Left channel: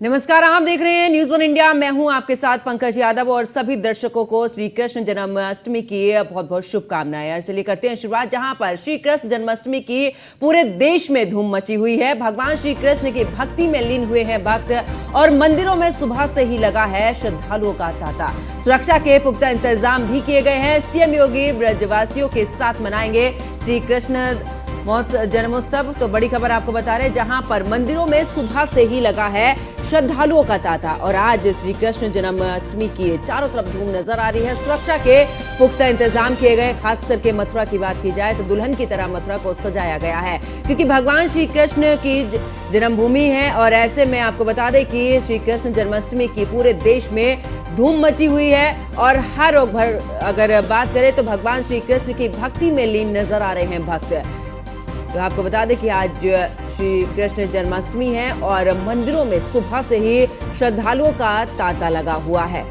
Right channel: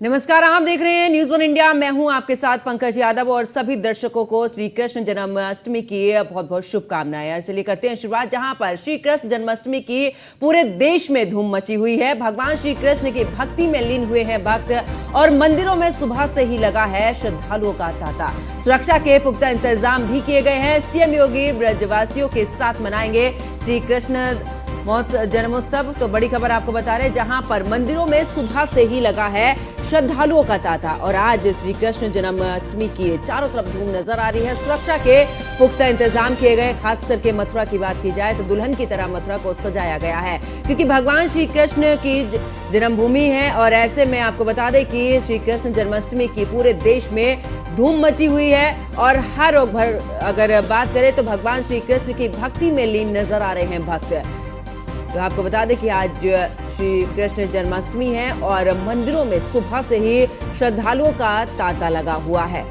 नमस्कार, आप देख रहे हैं न्यूज़ वन इंडिया। मैं हूं आपके साथ पंकज यादव और सभी दर्शकों को श्री कृष्ण जन्माष्टमी की बहुत बहुत शुभकामनाएं। चलिए करते हैं शुरुआत, जहां पर श्री कृष्ण जन्माष्टमी की पूरे देश में धूम मची हुई है। भगवान श्री कृष्ण की भक्ति में लीन हुए हैं भक्त और मंदिरों में सुबह से ही लगा है श्रद्धालुओं का तांता। सुरक्षा के पुख्ता इंतजाम भी किए गए हैं। सीएम योगी ब्रजवासियों के साथ मनाएंगे श्री कृष्ण जन्मोत्सव। तो बड़ी खबर आपको बता रहे हैं, जहां पर मंदिरों में सुबह से ही लगा है श्रद्धालुओं का तांता और आज श्री कृष्ण जन्माष्टमी की चारों तरफ धूम नजर आ रही है। सुरक्षा के पुख्ता इंतजाम किए गए। खास करके मथुरा की बात की जाए तो दुल्हन की तरह मथुरा को सजाया गया है, क्योंकि भगवान श्री कृष्ण की जन्मभूमि है। और ऐसे में आपको बता दें कि श्री कृष्ण जन्माष्टमी की पूरे देश में धूम मची हुई है और हर अगर बात करें तो भगवान श्री कृष्ण की भक्ति में लीन नजर आ रहे हैं भक्त। तो आपको बता दें कि आज श्री कृष्ण जन्माष्टमी है और मंदिरों में सुबह से ही श्रद्धालुओं का तांता लगा हुआ है।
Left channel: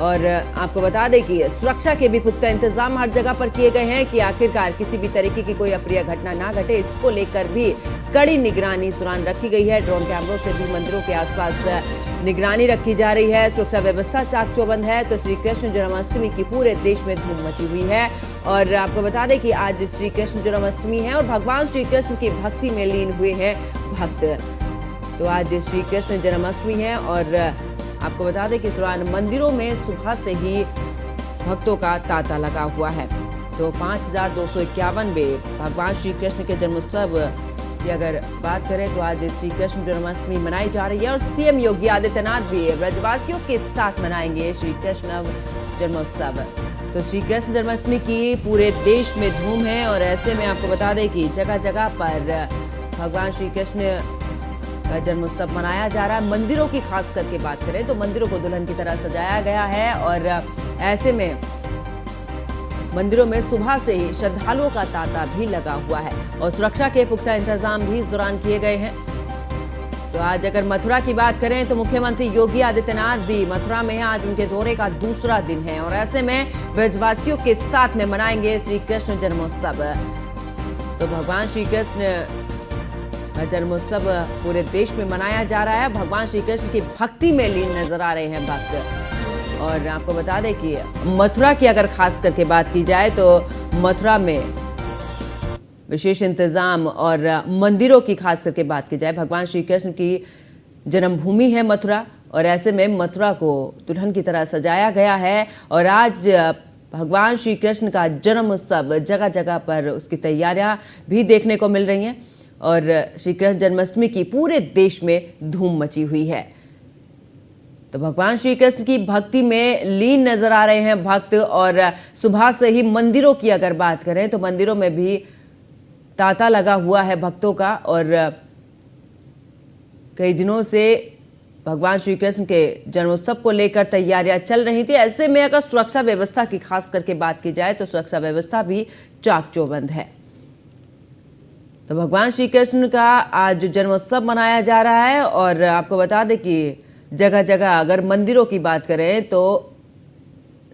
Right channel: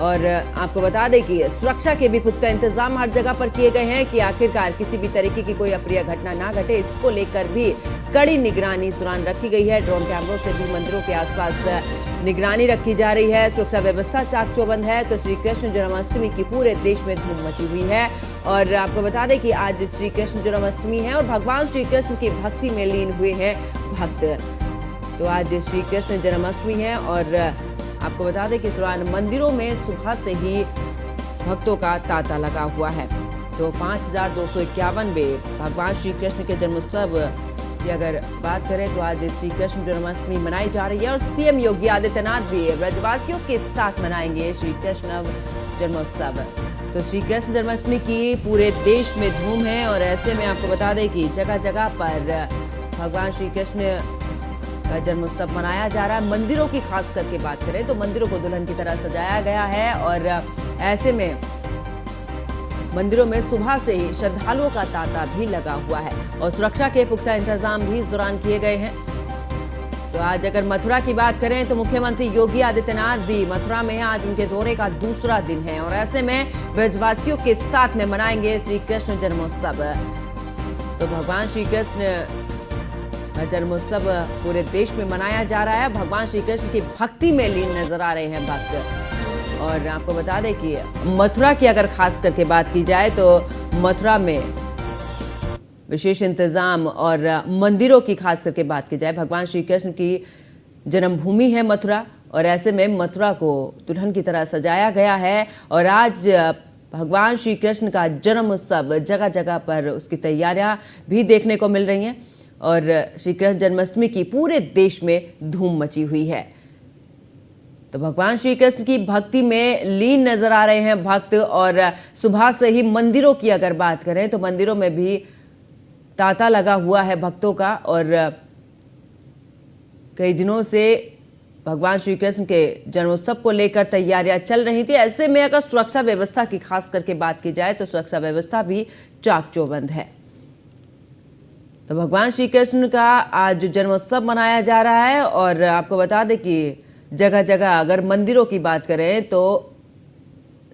और आपको बता दें कि सुरक्षा के भी पुख्ता इंतजाम हर जगह पर किए गए हैं कि आखिरकार किसी भी तरीके की कोई अप्रिय घटना ना घटे। इसको लेकर भी कड़ी निगरानी इस दौरान रखी गई है। ड्रोन कैमरों से भी मंदिरों के आसपास निगरानी रखी जा रही है। सुरक्षा व्यवस्था चाक चौबंद है। तो श्री कृष्ण जन्माष्टमी की पूरे देश में धूम मची हुई है। और आपको बता दें कि आज श्री कृष्ण जन्माष्टमी है और भगवान श्री कृष्ण की भक्ति में लीन हुए हैं भक्त। तो आज श्री कृष्ण जन्माष्टमी है और आपको बता दें कि इस दौरान मंदिरों में सुबह से ही भक्तों का तांता लगा हुआ है। तो 5251वें भगवान श्री कृष्ण के जन्मोत्सव की अगर बात करें तो आज श्री कृष्ण जन्माष्टमी मनाई जा रही है और सीएम योगी आदित्यनाथ भी ब्रजवासियों के साथ मनाएंगे श्री कृष्ण जन्मोत्सव। तो श्री कृष्ण जन्माष्टमी की पूरे देश में धूम है और ऐसे में आपको बता दें कि जगह जगह पर भगवान श्री कृष्ण का जन्मोत्सव मनाया जा रहा है। मंदिरों की खास करके बात करें तो मंदिरों को दुल्हन की तरह सजाया गया है और ऐसे में मंदिरों में सुबह से ही श्रद्धालुओं का तांता भी लगा हुआ है और सुरक्षा के पुख्ता इंतजाम भी इस दौरान किए गए हैं। तो आज अगर मथुरा की बात करें तो मुख्यमंत्री योगी आदित्यनाथ भी मथुरा में है। आज उनके दौरे का दूसरा दिन है और ऐसे में ब्रजवासियों के साथ में मनाएंगे श्री कृष्ण जन्मोत्सव। तो भगवान श्री कृष्ण जन्मोत्सव पूरे देश में मनाया जा रहा है। भगवान श्री कृष्ण की भक्ति में लीन नजर आ रहे हैं भक्त। और आपको बता दें कि मथुरा की अगर खास करके बात की जाए तो मथुरा में विशेष इंतजाम और मंदिरों की खास करके बात की जाए, भगवान श्री कृष्ण की जन्मभूमि है मथुरा और ऐसे में मथुरा को दुल्हन की तरह सजाया गया है। और आज भगवान श्री कृष्ण का जन्म उत्सव जगह जगह पर उसकी तैयारियां भी देखने को मिल रही हैं और श्री कृष्ण जन्माष्टमी की पूरे देश में धूम मची हुई है। तो भगवान श्री कृष्ण की भक्ति में लीन नजर आ रहे हैं भक्त और सुबह से ही मंदिरों की अगर बात करें तो मंदिरों में भी तांता लगा हुआ है भक्तों का और कई दिनों से भगवान श्री कृष्ण के जन्मोत्सव को लेकर तैयारियां चल रही थी। ऐसे में अगर सुरक्षा व्यवस्था की खास करके बात की जाए तो सुरक्षा व्यवस्था भी चाक चौबंद है। तो भगवान श्री कृष्ण का आज जन्मोत्सव मनाया जा रहा है और आपको बता दें कि जगह जगह अगर मंदिरों की बात करें तो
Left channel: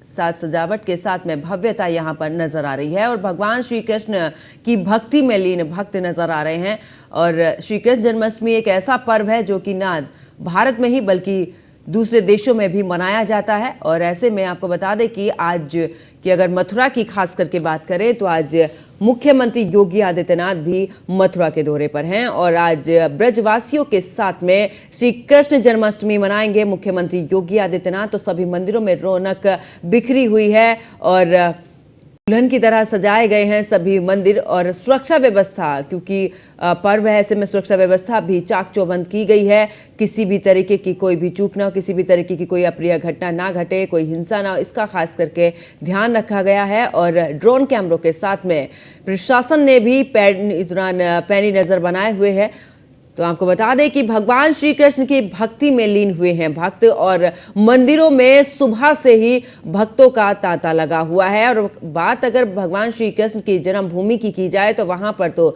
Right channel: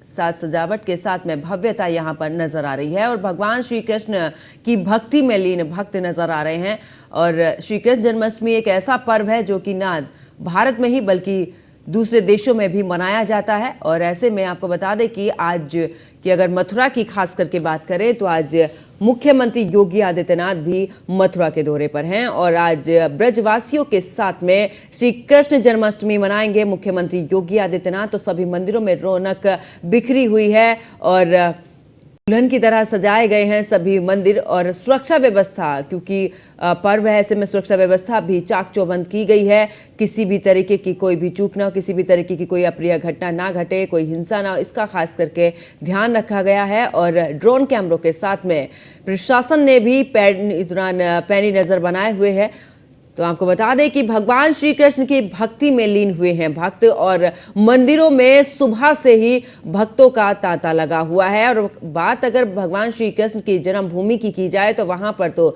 साज सजावट के साथ में भव्यता यहाँ पर नजर आ रही है और भगवान श्री कृष्ण की भक्ति में लीन भक्त नजर आ रहे हैं। और श्री कृष्ण जन्माष्टमी एक ऐसा पर्व है जो कि ना भारत में ही बल्कि दूसरे देशों में भी मनाया जाता है। और ऐसे में आपको बता दें कि आज की अगर मथुरा की खास करके बात करें तो आज मुख्यमंत्री योगी आदित्यनाथ भी मथुरा के दौरे पर हैं और आज ब्रजवासियों के साथ में श्री कृष्ण जन्माष्टमी मनाएंगे मुख्यमंत्री योगी आदित्यनाथ। तो सभी मंदिरों में रौनक बिखरी हुई है और दुल्हन की तरह सजाए गए हैं सभी मंदिर और सुरक्षा व्यवस्था, क्योंकि पर्व है ऐसे में सुरक्षा व्यवस्था भी चाक चौबंद की गई है। किसी भी तरीके की कोई भी चूक ना हो, किसी भी तरीके की कोई अप्रिय घटना ना घटे, कोई हिंसा ना हो, इसका खास करके ध्यान रखा गया है। और ड्रोन कैमरों के साथ में प्रशासन ने भी इस दौरान पैनी नजर बनाए हुए है। तो आपको बता दें कि भगवान श्री कृष्ण की भक्ति में लीन हुए हैं भक्त और मंदिरों में सुबह से ही भक्तों का तांता लगा हुआ है। और बात अगर भगवान श्री कृष्ण की जन्मभूमि की जाए तो वहां पर तो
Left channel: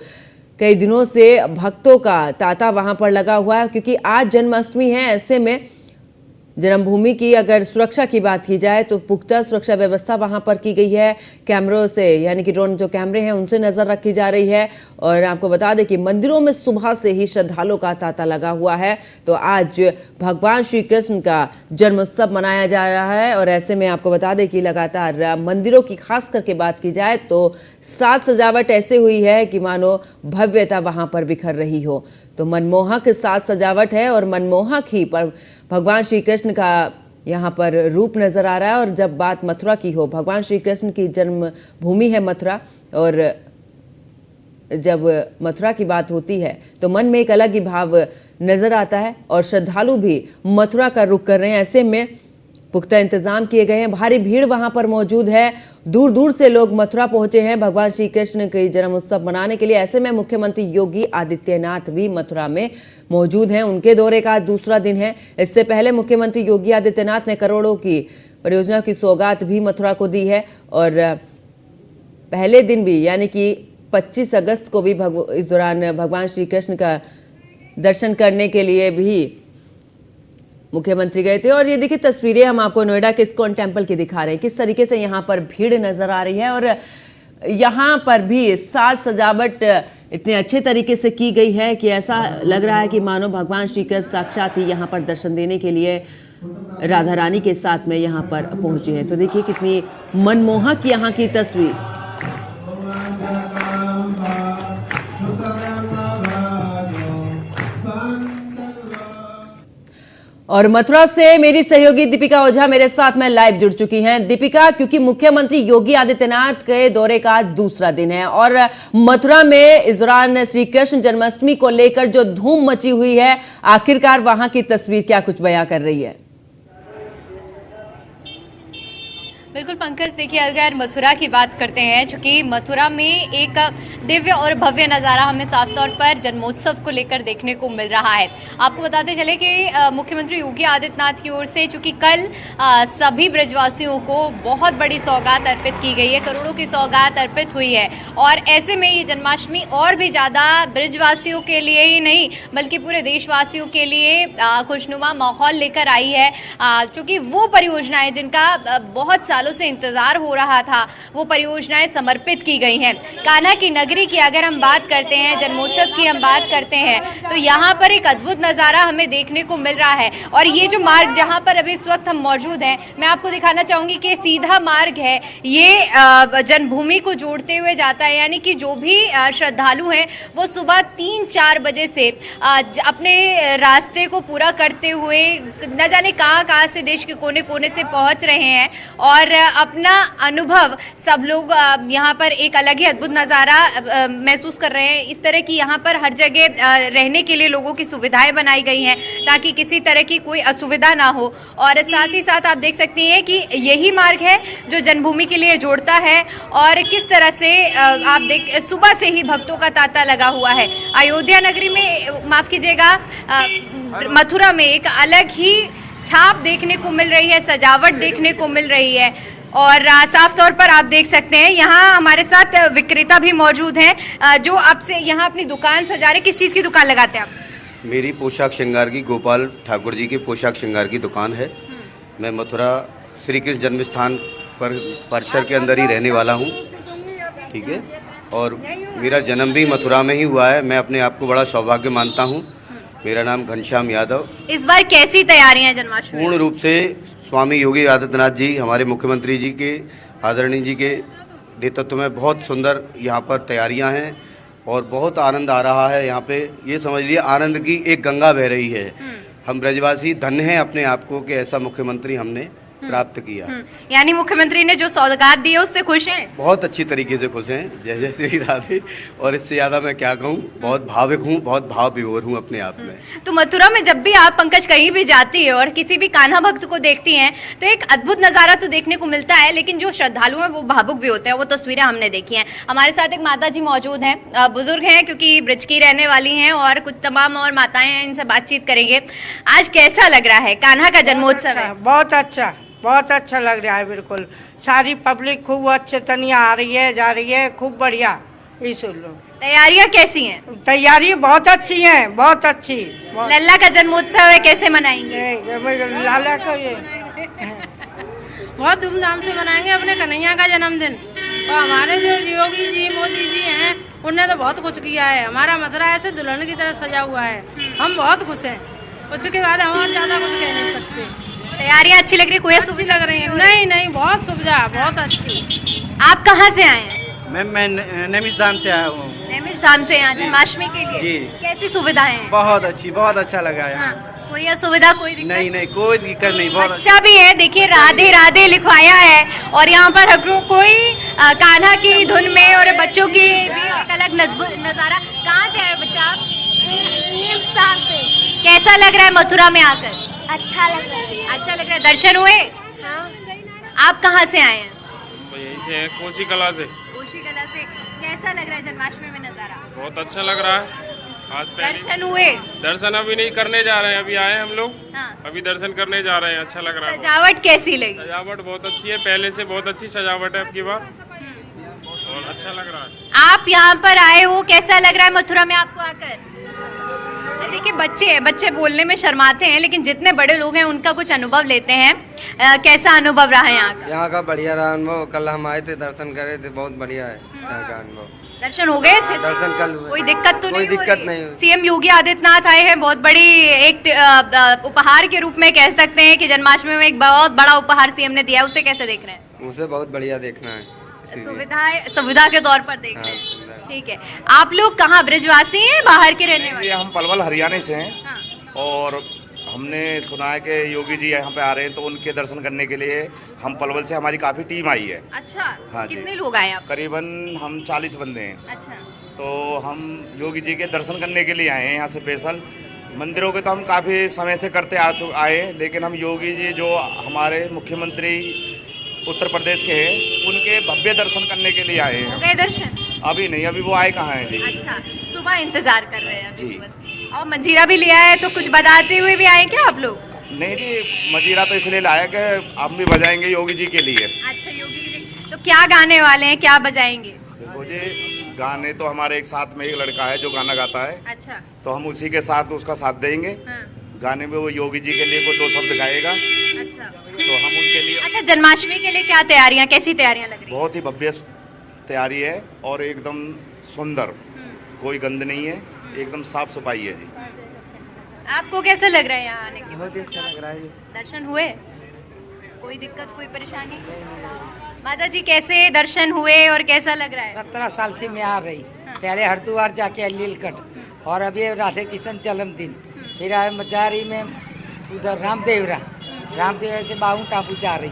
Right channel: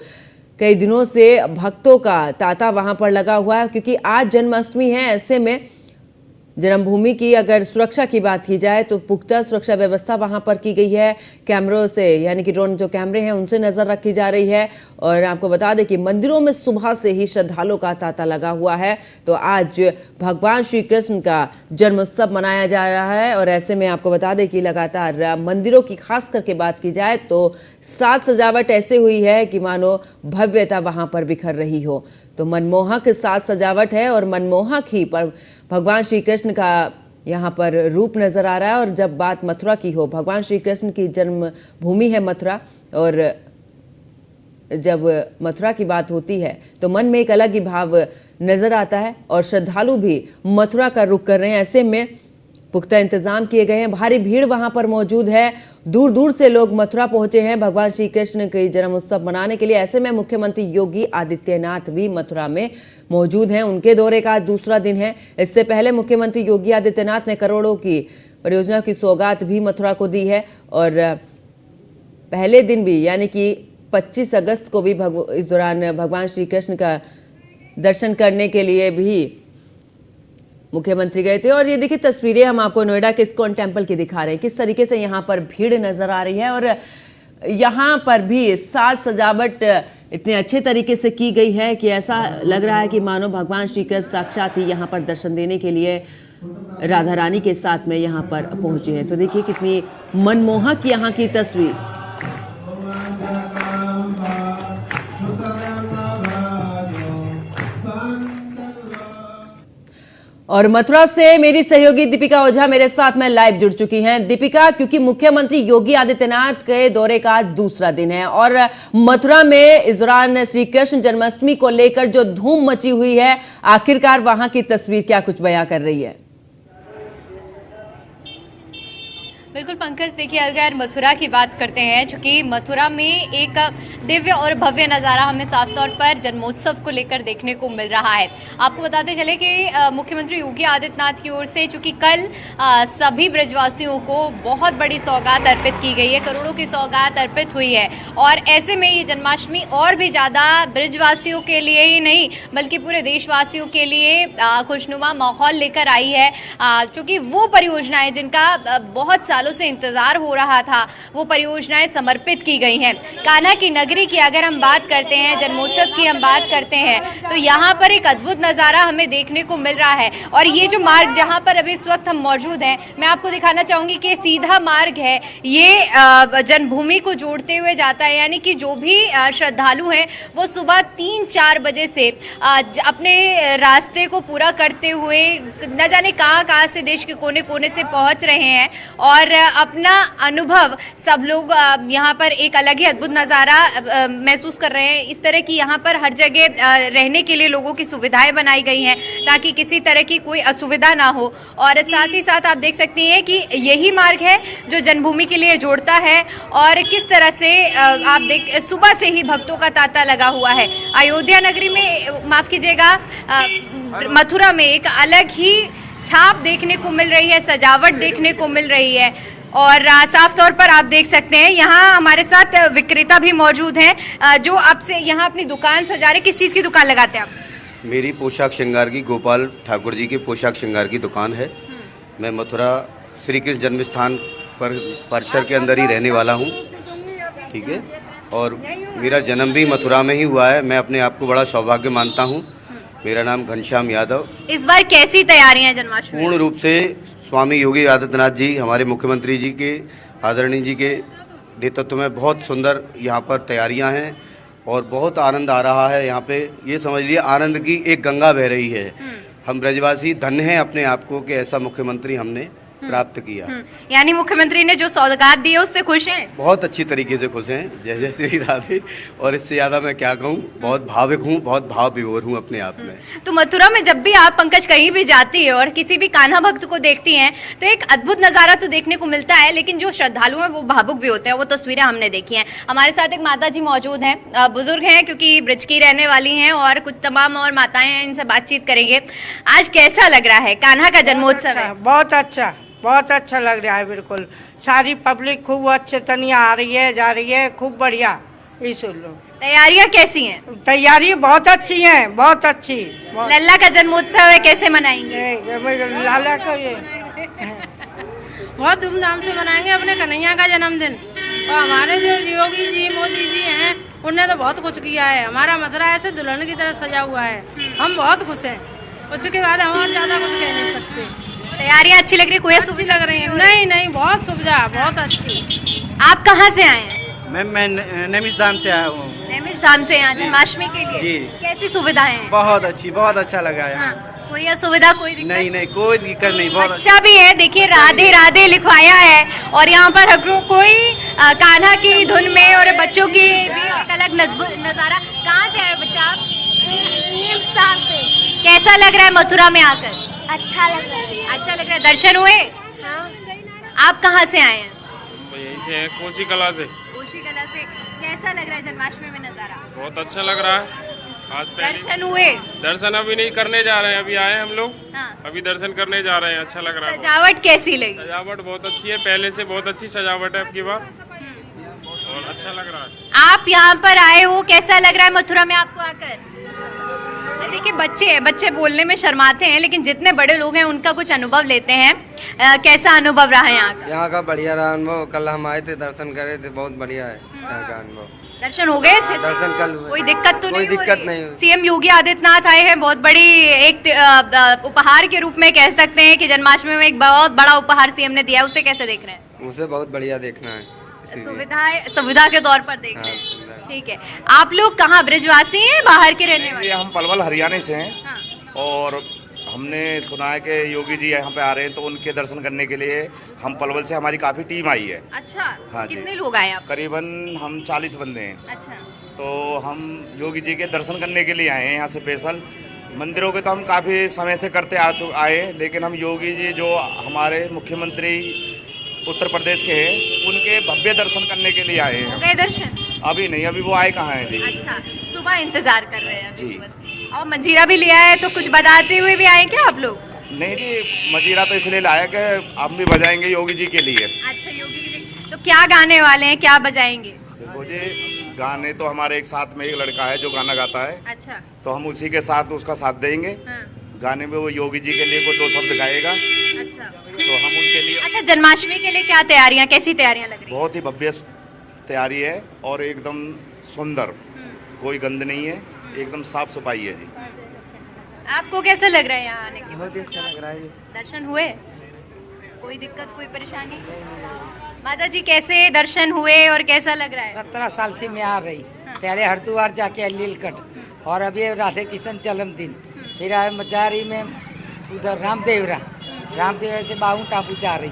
कई दिनों से भक्तों का तांता वहां पर लगा हुआ है, क्योंकि आज जन्माष्टमी है। ऐसे में जन्मभूमि की अगर सुरक्षा की बात की जाए तो पुख्ता सुरक्षा व्यवस्था वहां पर की गई है। कैमरों से यानी कि ड्रोन जो कैमरे हैं उनसे नजर रखी जा रही है। और आपको बता दें कि मंदिरों में सुबह से ही श्रद्धालुओं का तांता लगा हुआ है। तो आज भगवान श्री कृष्ण का जन्मोत्सव मनाया जा रहा है और ऐसे में आपको बता दें कि लगातार मंदिरों की खास करके बात की जाए तो साज सजावट ऐसे हुई है कि मानो भव्यता वहां पर बिखर रही हो। तो मनमोहक साज सजावट है और मनमोहक ही पर भगवान श्री कृष्ण का यहाँ पर रूप नजर आ रहा है। और जब बात मथुरा की हो, भगवान श्री कृष्ण की जन्मभूमि है मथुरा, और जब मथुरा की बात होती है तो मन में एक अलग ही भाव नजर आता है और श्रद्धालु भी मथुरा का रुख कर रहे हैं। ऐसे में पुख्ता इंतजाम किए गए हैं, भारी भीड़ वहां पर मौजूद है, दूर दूर से लोग मथुरा पहुंचे हैं भगवान श्री कृष्ण के जन्म उत्सव मनाने के लिए। ऐसे में मुख्यमंत्री योगी आदित्यनाथ भी मथुरा में मौजूद हैं, उनके दौरे का आज दूसरा दिन है। इससे पहले मुख्यमंत्री योगी आदित्यनाथ ने करोड़ों की परियोजना की सौगात भी मथुरा को दी है और पहले दिन भी यानी कि 25 अगस्त को भी इस दौरान भगवान श्री कृष्ण का दर्शन करने के लिए भी मुख्यमंत्री गए थे। और ये देखिए तस्वीरें हम आपको नोएडा के इस्कॉन टेम्पल की दिखा रहे हैं, किस तरीके से यहाँ पर भीड़ नजर आ रही है और यहाँ पर भी साज सजावट इतने अच्छे तरीके से की गई है कि ऐसा लग रहा है कि मानो भगवान श्री कृष्ण साक्षात ही यहाँ पर दर्शन देने के लिए राधा रानी के साथ में यहाँ पर पहुंचे हैं। तो देखिए कितनी मनमोहक यहाँ की तस्वीर। और मथुरा से मेरी सहयोगी दीपिका ओझा मेरे साथ में लाइव जुड़ चुकी हैं। दीपिका, क्योंकि मुख्यमंत्री योगी आदित्यनाथ के दौरे का दूसरा दिन है और मथुरा में इस दौरान श्री कृष्ण जन्माष्टमी को लेकर जो धूम मची हुई है, आखिरकार वहां की तस्वीर क्या कुछ बयां कर रही है? बिल्कुल पंकज, देखिए अगर मथुरा की बात करते हैं, चूंकि मथुरा में एक दिव्य और भव्य नज़ारा हमें साफ तौर पर जन्मोत्सव को लेकर देखने को मिल रहा है। आपको बताते चले कि मुख्यमंत्री योगी आदित्यनाथ की ओर से चूंकि कल सभी ब्रजवासियों को बहुत बड़ी सौगात अर्पित की गई है, करोड़ों की सौगात अर्पित हुई है और ऐसे में ये जन्माष्टमी और भी ज़्यादा ब्रजवासियों के लिए ही नहीं बल्कि पूरे देशवासियों के लिए खुशनुमा माहौल लेकर आई है। चूँकि वो परियोजनाएँ जिनका बहुत सालों से इंतजार हो रहा था, वो परियोजनाएं समर्पित की गई हैं। कान्हा की नगरी की अगर हम बात करते हैं, जन्मोत्सव की हम बात करते हैं, तो यहाँ पर एक अद्भुत नज़ारा हमें देखने को मिल रहा है। और ये जो मार्ग जहाँ पर अभी इस वक्त हम मौजूद हैं, मैं आपको दिखाना चाहूंगी कि सीधा मार्ग है, ये जन्मभूमि को जोड़ते हुए जाता है। यानी कि जो भी श्रद्धालु हैं वो सुबह 3-4 बजे से अपने रास्ते को पूरा करते हुए न जाने कहाँ से देश के कोने कोने से पहुँच रहे हैं और अपना अनुभव सब लोग यहाँ पर एक अलग ही अद्भुत नज़ारा महसूस कर रहे हैं। इस तरह की यहाँ पर हर जगह रहने के लिए लोगों की सुविधाएं बनाई गई हैं ताकि किसी तरह की कोई असुविधा ना हो। और साथ ही साथ आप देख सकती हैं कि यही मार्ग है जो जन्मभूमि के लिए जोड़ता है और किस तरह से आप देख सुबह से ही भक्तों का तांता लगा हुआ है। अयोध्या नगरी में, माफ कीजिएगा, मथुरा में एक अलग ही छाप देखने को मिल रही है, सजावट देखने को मिल रही है और साफ तौर पर आप देख सकते हैं यहाँ हमारे साथ विक्रेता भी मौजूद हैं जो आपसे यहाँ अपनी दुकान सजा रहे। किस चीज़ की दुकान लगाते हैं आप? मेरी पोशाक श्रृंगार की, गोपाल ठाकुर जी की पोशाक श्रृंगार की दुकान है। मैं मथुरा श्री कृष्ण जन्म स्थान पर परिसर के अंदर ही रहने वाला हूँ, ठीक है, और मेरा जन्म भी मथुरा में ही हुआ है। मैं अपने आप को बड़ा सौभाग्य मानता हूँ। मेरा नाम घनश्याम यादव। इस बार कैसी तैयारियां जन्माष्टमी? पूर्ण रूप से स्वामी योगी आदित्यनाथ जी, हमारे मुख्यमंत्री जी के, आदरणीय जी के नेतृत्व में बहुत सुंदर यहाँ पर तैयारियां हैं और बहुत आनंद आ रहा है। यहाँ पे ये समझ लीजिए आनंद की एक गंगा बह रही है। हम ब्रजवासी धन्य हैं अपने आप को कि ऐसा मुख्यमंत्री हमने प्राप्त किया। यानी मुख्यमंत्री ने जो सौगात दी है उससे खुश हैं? बहुत अच्छी तरीके से खुश हैं, जय जय श्री राधे। और इससे ज्यादा मैं क्या कहूँ, बहुत भावुक हूँ, बहुत भाव विभोर हूँ अपने आप में। तो मथुरा में जब भी आप पंकज कहीं भी जाती है और किसी भी कान्हा भक्त को देखती हैं तो एक अद्भुत नजारा तो देखने को मिलता है, लेकिन जो श्रद्धालु हैं वो भावुक भी होते हैं। वो तस्वीरें हमने देखी हैं। हमारे साथ एक माता जी मौजूद हैं, बुजुर्ग हैं क्योंकि ब्रज की रहने वाली हैं और कुछ तमाम और माताएं हैं, इनसे बातचीत करेंगे। आज कैसा लग रहा है? कान्हा का जन्मोत्सव है। बहुत अच्छा लग रहा है। बिल्कुल सारी पब्लिक खूब अच्छे तनिया आ रही है, जा रही है, खूब बढ़िया। इस लोग तैयारियां कैसी हैं? तैयारी बहुत अच्छी है, बहुत अच्छी। लल्ला का जन्मोत्सव है, कैसे मनाएंगे? लाला को ये बहुत धूमधाम से मनाएंगे अपने कन्हैया का जन्मदिन। और हमारे जो योगी जी मोदी जी हैं उन्होंने तो बहुत कुछ किया है। हमारा मथुरा ऐसे दुल्हन की तरह सजा हुआ है, हम बहुत खुश हैं। उसके बाद हम और ज्यादा कुछ कह नहीं सकते। तैयारियां अच्छी लग रही है, कोई सुविधा लग रही है? नहीं नहीं, बहुत सुविधा, बहुत अच्छी। आप कहाँ से आए हैं? मैं नैमिषधाम से आया हूँ। नैमिषधाम से यहाँ जन्माष्टमी के लिए। जी। कैसी सुविधाएं हैं? बहुत अच्छी, बहुत अच्छा लगा है। हाँ, कोई असुविधा, कोई दिक्कत? नहीं नहीं, कोई दिक्कत नहीं, बहुत अच्छा भी है, देखिए राधे राधे लिखवाया है और यहाँ पर हकरू कोई कान्हा की धुन में और बच्चों की भी एक अलग नजारा। कहाँ से आए बच्चा आप? से। कैसा लग रहा है मथुरा में आकर? अच्छा लग रहा है। अच्छा लग रहा है। दर्शन हुए? हाँ। आप कहाँ से आए हैं? यही से कोसी कला से। कोशी कला से। कैसा लग रहा है जन्माष्टमी में नजारा? बहुत अच्छा लग रहा है। आज पहले दर्शन हुए? दर्शन अभी नहीं करने जा रहे हैं, अभी आए हम लोग, हाँ। अभी दर्शन करने जा रहे हैं। अच्छा लग रहा है। सजावट कैसी लगी? सजावट बहुत अच्छी है, पहले से बहुत अच्छी सजावट है आपकी बार, और अच्छा लग रहा है। आप यहाँ पर आए हो, कैसा लग रहा है मथुरा में आपको आकर? देखिए बच्चे बोलने में शर्माते हैं, लेकिन जितने बड़े लोग हैं उनका कुछ अनुभव लेते हैं। कैसा अनुभव रहा है यहाँ का? यहाँ का बढ़िया रहा अनुभव। कल हम आए थे, दर्शन करे थे, बहुत बढ़िया है यहाँ का अनुभव। दर्शन हो गए अच्छे? दर्शन कल हुए। कोई दिक्कत तो कोई नहीं? दिक्कत नहीं हुई। सीएम योगी आदित्यनाथ आए हैं, बहुत बड़ी एक उपहार के रूप में कह सकते हैं कि जन्माष्टमी में एक बहुत बड़ा उपहार सीएम ने दिया है, उसे कैसे देख रहे हैं? उसे बहुत बढ़िया देखना है, इसीलिए। सुविधा के तौर पर देख रहे हैं। ठीक है, आप लोग कहाँ ब्रजवासी हैं, बाहर के रहने वाले? ये हम पलवल हरियाणा से हैं। हाँ। और हमने सुना है कि योगी जी यहाँ पे आ रहे हैं, तो उनके दर्शन करने के लिए हम पलवल से, हमारी काफ़ी टीम आई है। अच्छा, हाँ जी। कितने लोग आए आप? करीबन हम 40 बंदे हैं। अच्छा, तो हम योगी जी के दर्शन करने के लिए आए हैं यहाँ से स्पेशल। मंदिरों के तो हम काफ़ी समय से करते आए, लेकिन हम योगी जी जो हमारे मुख्यमंत्री उत्तर प्रदेश के हैं, उनके भव्य दर्शन करने के लिए आए हैं। हो गए दर्शन? अभी नहीं, अभी वो आए कहाँ हैं जी। अच्छा, सुबह इंतजार कर रहे हैं अभी जी। सुबह। और मजीरा भी लिया है, तो कुछ बताते हुए भी आए क्या आप लोग? नहीं जी, मजीरा तो इसलिए लाया कि हम भी बजाएंगे योगी जी के लिए। अच्छा, योगी जी तो क्या गाने वाले हैं, क्या बजाएंगे? देखो जी, गाने तो हमारे एक साथ में एक लड़का है जो गाना गाता है, अच्छा। तो हम उसी के साथ उसका साथ देंगे। हाँ। गाने में वो योगी जी के लिए कोई 2 शब्द गाएगा, अच्छा, तो हम उनके लिए। अच्छा, जन्माष्टमी के लिए क्या तैयारियां, कैसी तैयारियां लग रही हैं? बहुत ही भव्य तैयारी है और एकदम सुंदर, कोई गंद नहीं है, एकदम साफ सफाई है जी। आपको कैसा लग रहा है यहाँ आने के? बहुत ही अच्छा लग रहा है जी। दर्शन हुए? कोई दिक्कत, कोई परेशानी? माता जी कैसे दर्शन हुए और कैसा लग रहा है? 17 साल से मैं आ रही। पहले हरिद्वार जाके लीलकंठ, और अभी राधे किशन जन्मदिन, फिर आए मजारी में उधर रामदेवरा से बाहू टापू जा रही,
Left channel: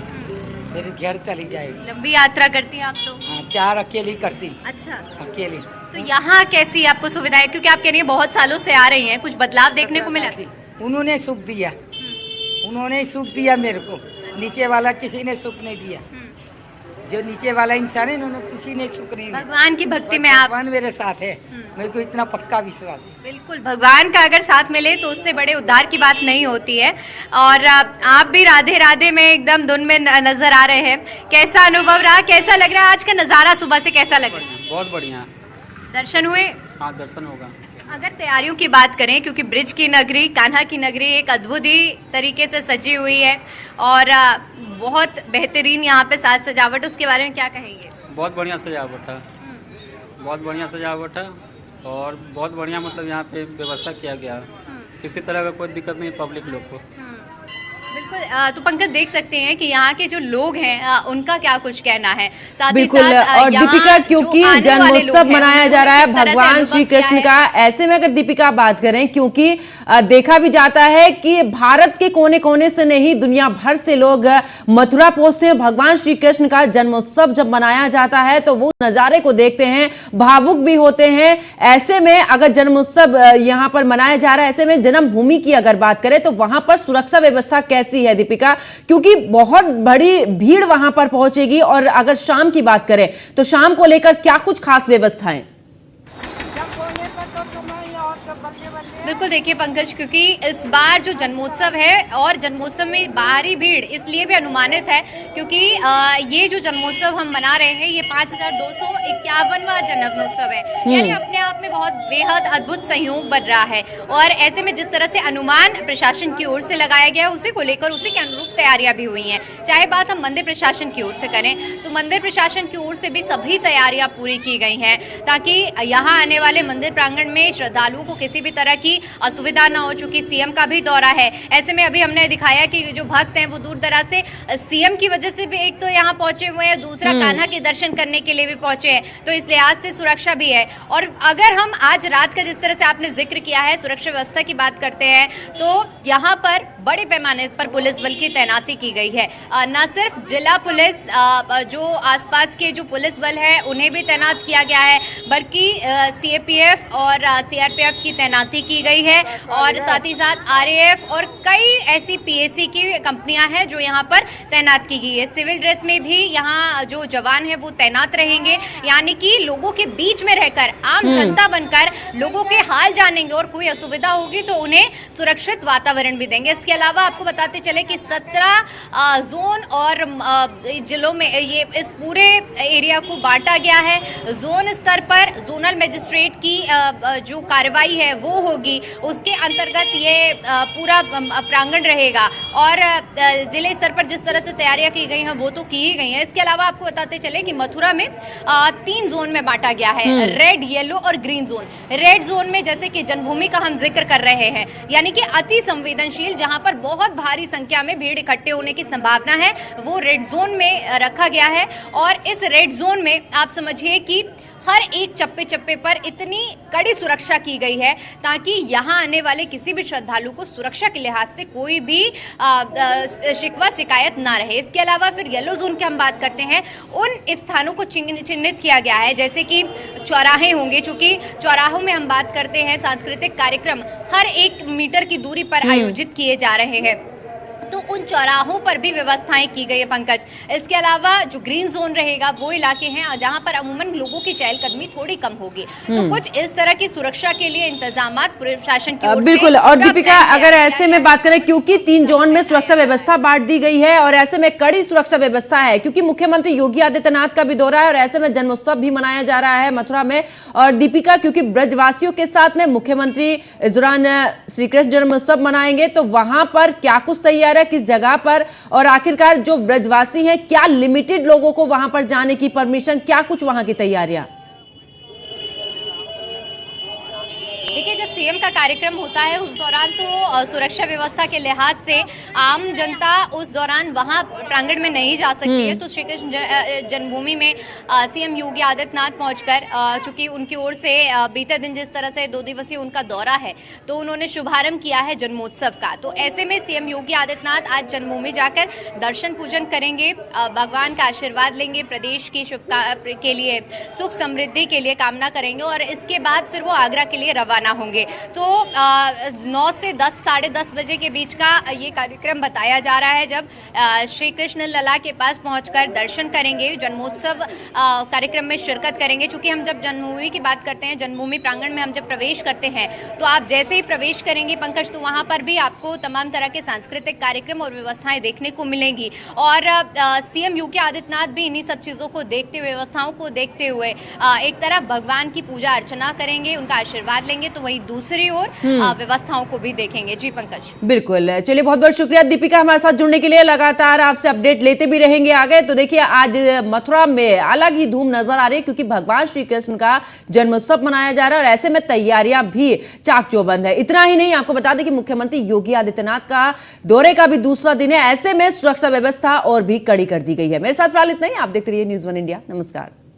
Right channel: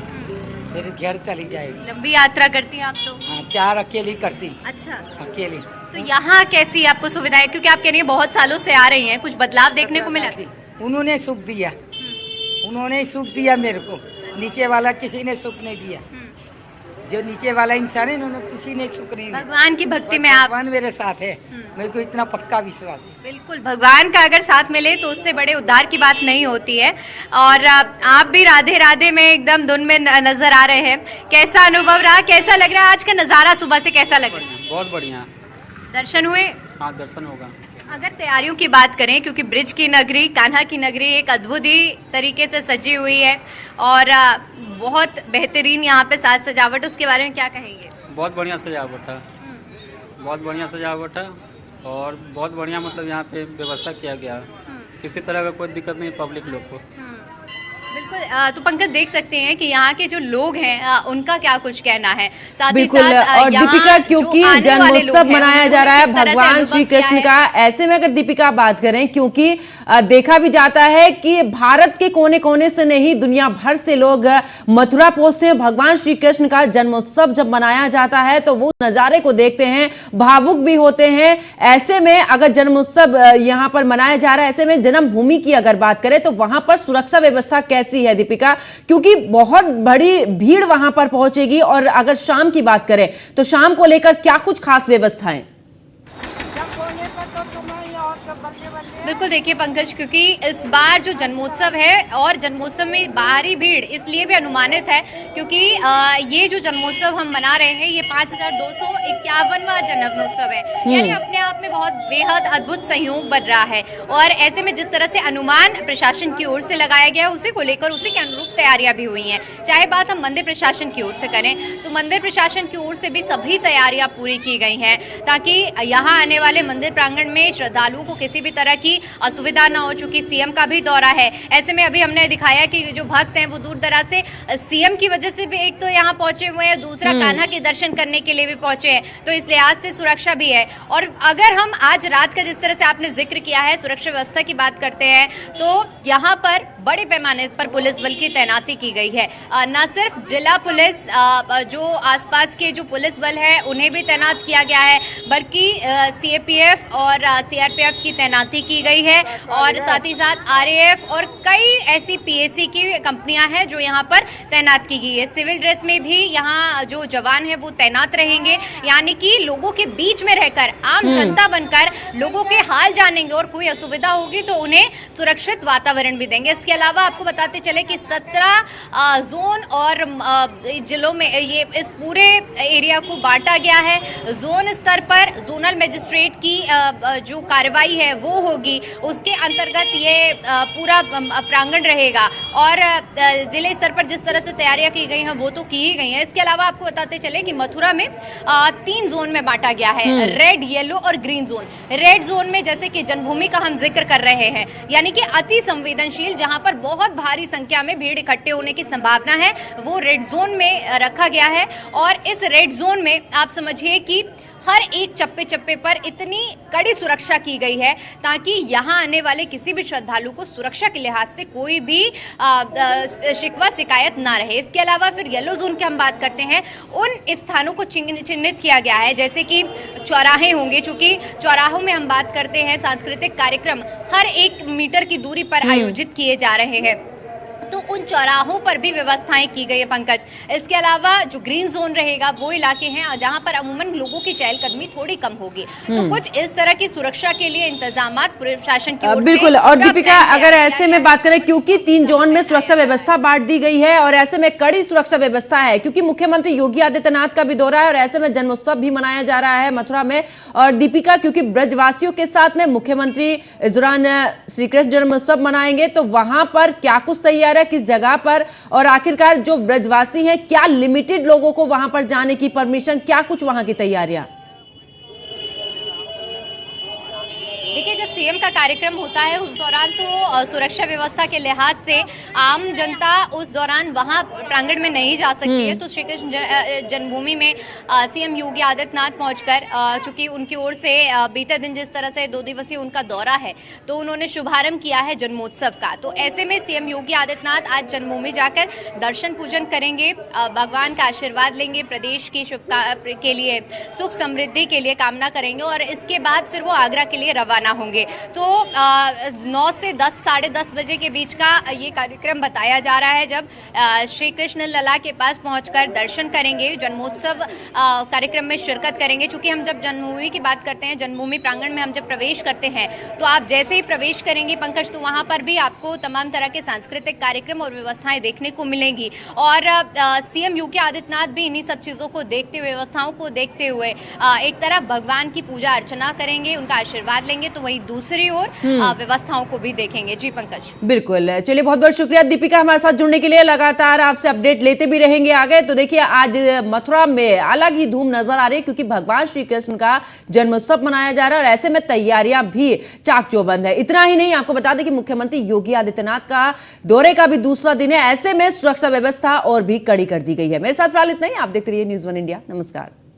फिर घर चली जाएगी। लंबी यात्रा करती हैं आप तो? हाँ, 4 अकेली करती, अच्छा, अकेली। तो यहाँ कैसी आपको सुविधा है? क्योंकि आप कह रही हैं बहुत सालों से आ रही हैं, कुछ बदलाव देखने को मिला? उन्होंने सुख दिया, उन्होंने सुख दिया मेरे को, नीचे वाला किसी ने सुख नहीं दिया। जो नीचे वाला इंसान है, उन्होंने किसी ने सुख नहीं दिया। भगवान की भक्ति में आप? भगवान मेरे साथ है, मेरे को इतना पक्का विश्वास है। बिल्कुल, भगवान का अगर साथ मिले तो उससे बड़े उद्धार की बात नहीं होती है। और आप भी राधे राधे में एकदम धुन में नजर आ रहे हैं। कैसा अनुभव रहा, कैसा लग रहा है आज का नजारा, सुबह से कैसा लग रहा है? बहुत बढ़िया। दर्शन हुए? हाँ, दर्शन होगा। अगर तैयारियों की बात करें, क्योंकि ब्रिज की नगरी, कान्हा की नगरी एक अद्भुत ही तरीके से सजी हुई है और बहुत बेहतरीन यहाँ पे साज सजावट, उसके बारे में क्या कहेंगे? बहुत बढ़िया सजावट है, बहुत बढ़िया सजावट है और बहुत बढ़िया मतलब यहाँ पे व्यवस्था किया गया है। किसी तरह का कोई दिक्कत नहीं पब्लिक लोग को। बिल्कुल, तो पंकज देख सकते हैं कि यहाँ के जो लोग हैं उनका क्या कुछ कहना है। साथ ही बिल्कुल, साथ, और यहाँ दीपिका, जो क्योंकि आने वाले जन्मोत्सव लोग हैं, मनाया उनको जा रहा है किस तरह से भगवान अनुभव श्री किया कृष्ण है? का, ऐसे में अगर दीपिका बात करें, क्योंकि देखा भी जाता है कि भारत के कोने कोने से नहीं, दुनिया भर से लोग मथुरा पहुंचते हैं। भगवान श्री कृष्ण का जन्मोत्सव जब मनाया जाता है तो वो नजारे को देखते हैं, भावुक भी होते हैं। ऐसे में अगर जन्मोत्सव यहाँ पर मनाया जा रहा है, ऐसे में जन्मभूमि की अगर बात करें तो वहां पर सुरक्षा व्यवस्था कैसी है दीपिका? क्योंकि बहुत बड़ी भीड़ वहां पर पहुंचेगी, और अगर शाम की बात करें तो शाम को लेकर क्या कुछ खास व्यवस्थाएं? बिल्कुल देखिए पंकज, क्योंकि इस बार जो जन्मोत्सव है और जन्मोत्सव में बाहरी भीड़ इसलिए भी अनुमानित है क्योंकि ये जो जन्मोत्सव हम मना रहे हैं ये 5251वां जन्मोत्सव है, यानी अपने आप में बहुत बेहद अद्भुत संयोग बन रहा है। और ऐसे में जिस तरह से अनुमान प्रशासन की ओर से लगाया गया उसी को लेकर उसी के अनुरूप तैयारियां भी हुई हैं। चाहे बात हम मंदिर प्रशासन की ओर से करें तो मंदिर प्रशासन की ओर से भी सभी तैयारियां पूरी की गई हैं ताकि यहाँ आने वाले मंदिर प्रांगण में श्रद्धालुओं को किसी भी तरह की असुविधा न हो। चुकी सीएम का भी दौरा है, ऐसे में अभी हमने दिखाया कि जो भक्त हैं वो दूर दराज से सीएम की वजह से भी एक तो यहाँ पहुंचे हुए हैं, दूसरा कान्हा के दर्शन करने के लिए भी पहुंचे हैं, तो इस लिहाज से सुरक्षा भी है। और अगर हम आज रात का जिस तरह से आपने जिक्र किया है सुरक्षा व्यवस्था की बात करते हैं तो यहाँ पर बड़े पैमाने पर पुलिस बल की तैनाती की गई है। न सिर्फ जिला पुलिस, जो आसपास के जो पुलिस बल है उन्हें भी तैनात किया गया है, बल्कि सीएपीएफ और सीआरपीएफ की तैनाती की गई है और साथ ही साथ आरएएफ और कई ऐसी पीएसी की कंपनियां हैं जो यहाँ पर तैनात की गई है। सिविल ड्रेस में भी यहाँ जो जवान है वो तैनात रहेंगे, यानी कि लोगों के बीच में रहकर आम जनता बनकर लोगों के हाल जानेंगे और कोई असुविधा होगी तो उन्हें सुरक्षित वातावरण भी देंगे। इसके अलावा आपको बताते चले कि 17 जोन और जिलों में ये इस पूरे एरिया को बांटा गया है। जोन स्तर पर जोनल मजिस्ट्रेट की जो कार्रवाई है वो होगी, उसके अंतर्गत ये पूरा प्रांगण रहेगा और जिले स्तर पर जिस तरह से तैयारियां की गई हैं वो तो की ही गई हैं। इसके अलावा आपको बताते चले कि मथुरा में 3 जोन में बांटा गया है, रेड, येलो और ग्रीन जोन। रेड जोन में जैसे कि जन्मभूमि का हम जिक्र कर रहे हैं, यानी कि अति संवेदनशील जहां पर बहुत भारी संख्या में भीड़ इकट्ठे होने की संभावना है, वो रेड जोन में रखा गया है। और इस रेड जोन में आप समझिए कि हर एक चप्पे चप्पे पर इतनी कड़ी सुरक्षा की गई है ताकि यहाँ आने वाले किसी भी श्रद्धालु को सुरक्षा के लिहाज से कोई भी शिकवा शिकायत ना रहे। इसके अलावा फिर येलो जोन की हम बात करते हैं, उन स्थानों को चिन्हित किया गया है जैसे कि चौराहे होंगे, चूंकि चौराहों में हम बात करते हैं सांस्कृतिक कार्यक्रम हर 1 मीटर की दूरी पर आयोजित किए जा रहे हैं, तो उन चौराहों पर भी व्यवस्थाएं की गई है पंकज। इसके अलावा जो ग्रीन जोन रहेगा वो इलाके हैं जहां पर अमूमन लोगों की चहलकदमी थोड़ी कम होगी, तो कुछ इस तरह की सुरक्षा के लिए इंतजामात प्रशासन की ओर से बिल्कुल। और दीपिका, अगर ऐसे में बात करें क्योंकि 3 जोन में सुरक्षा व्यवस्था बांट दी गई है और ऐसे में कड़ी सुरक्षा व्यवस्था है क्योंकि मुख्यमंत्री योगी आदित्यनाथ का भी दौरा है और ऐसे में जन्मोत्सव भी मनाया जा रहा है मथुरा में। और दीपिका, क्योंकि ब्रजवासियों के साथ में मुख्यमंत्री इस दौरान श्री कृष्ण जन्मोत्सव मनाएंगे, तो वहां पर क्या कुछ तैयार है, किस जगह पर, और आखिरकार जो ब्रजवासी हैं क्या लिमिटेड लोगों को वहां पर जाने की परमिशन, क्या कुछ वहां की तैयारियां? देखिए, जब सीएम का कार्यक्रम होता है उस दौरान तो सुरक्षा व्यवस्था के लिहाज से आम जनता उस दौरान वहां प्रांगण में नहीं जा सकती है, तो श्री कृष्ण जन्मभूमि में सीएम योगी आदित्यनाथ पहुंचकर, चूंकि उनकी ओर से बीते दिन जिस तरह से 2 दिवसीय उनका दौरा है तो उन्होंने शुभारंभ किया है जन्मोत्सव का, तो ऐसे में सीएम योगी आदित्यनाथ आज जन्मभूमि जाकर दर्शन पूजन करेंगे, भगवान का आशीर्वाद लेंगे, प्रदेश की के लिए सुख समृद्धि के लिए कामना करेंगे और इसके बाद फिर वो आगरा के लिए रवाना होंगे। तो 9 से 10, साढ़े 10 बजे के बीच का ये कार्यक्रम बताया जा रहा है, जब श्री कृष्ण लला के पास पहुंचकर दर्शन करेंगे, जन्मोत्सव कार्यक्रम में शिरकत करेंगे। चूंकि हम जब जन्मभूमि की बात करते हैं, जन्मभूमि प्रांगण में हम जब प्रवेश करते हैं तो आप जैसे ही प्रवेश करेंगे पंकज, तो वहां पर भी आपको तमाम तरह के सांस्कृतिक कार्यक्रम और व्यवस्थाएं देखने को मिलेंगी और सीएम योगी आदित्यनाथ भी इन्हीं सब चीजों को देखते हुए, व्यवस्थाओं को देखते हुए एक तरफ भगवान की पूजा अर्चना करेंगे, उनका आशीर्वाद लेंगे, तो वहीं दूसरी ओर व्यवस्थाओं को भी देखेंगे। जी पंकज। बिल्कुल, चलिए बहुत बहुत शुक्रिया दीपिका हमारे साथ जुड़ने के लिए, लगातार आपसे अपडेट लेते भी रहेंगे आगे। तो देखिए, आज मथुरा में अलग ही धूम नजर आ रही है क्योंकि भगवान श्री कृष्ण का जन्मोत्सव मनाया जा रहा है और ऐसे में तैयारियां भी चाक चौबंद है। इतना ही नहीं, आपको बता दें कि मुख्यमंत्री योगी आदित्यनाथ का दौरे का भी दूसरा दिन है, ऐसे में सुरक्षा व्यवस्था और भी कड़ी कर दी गई है। मेरे साथ फिलहाल इतना ही, आप देखते रहिए न्यूज़ 1 इंडिया। नमस्कार।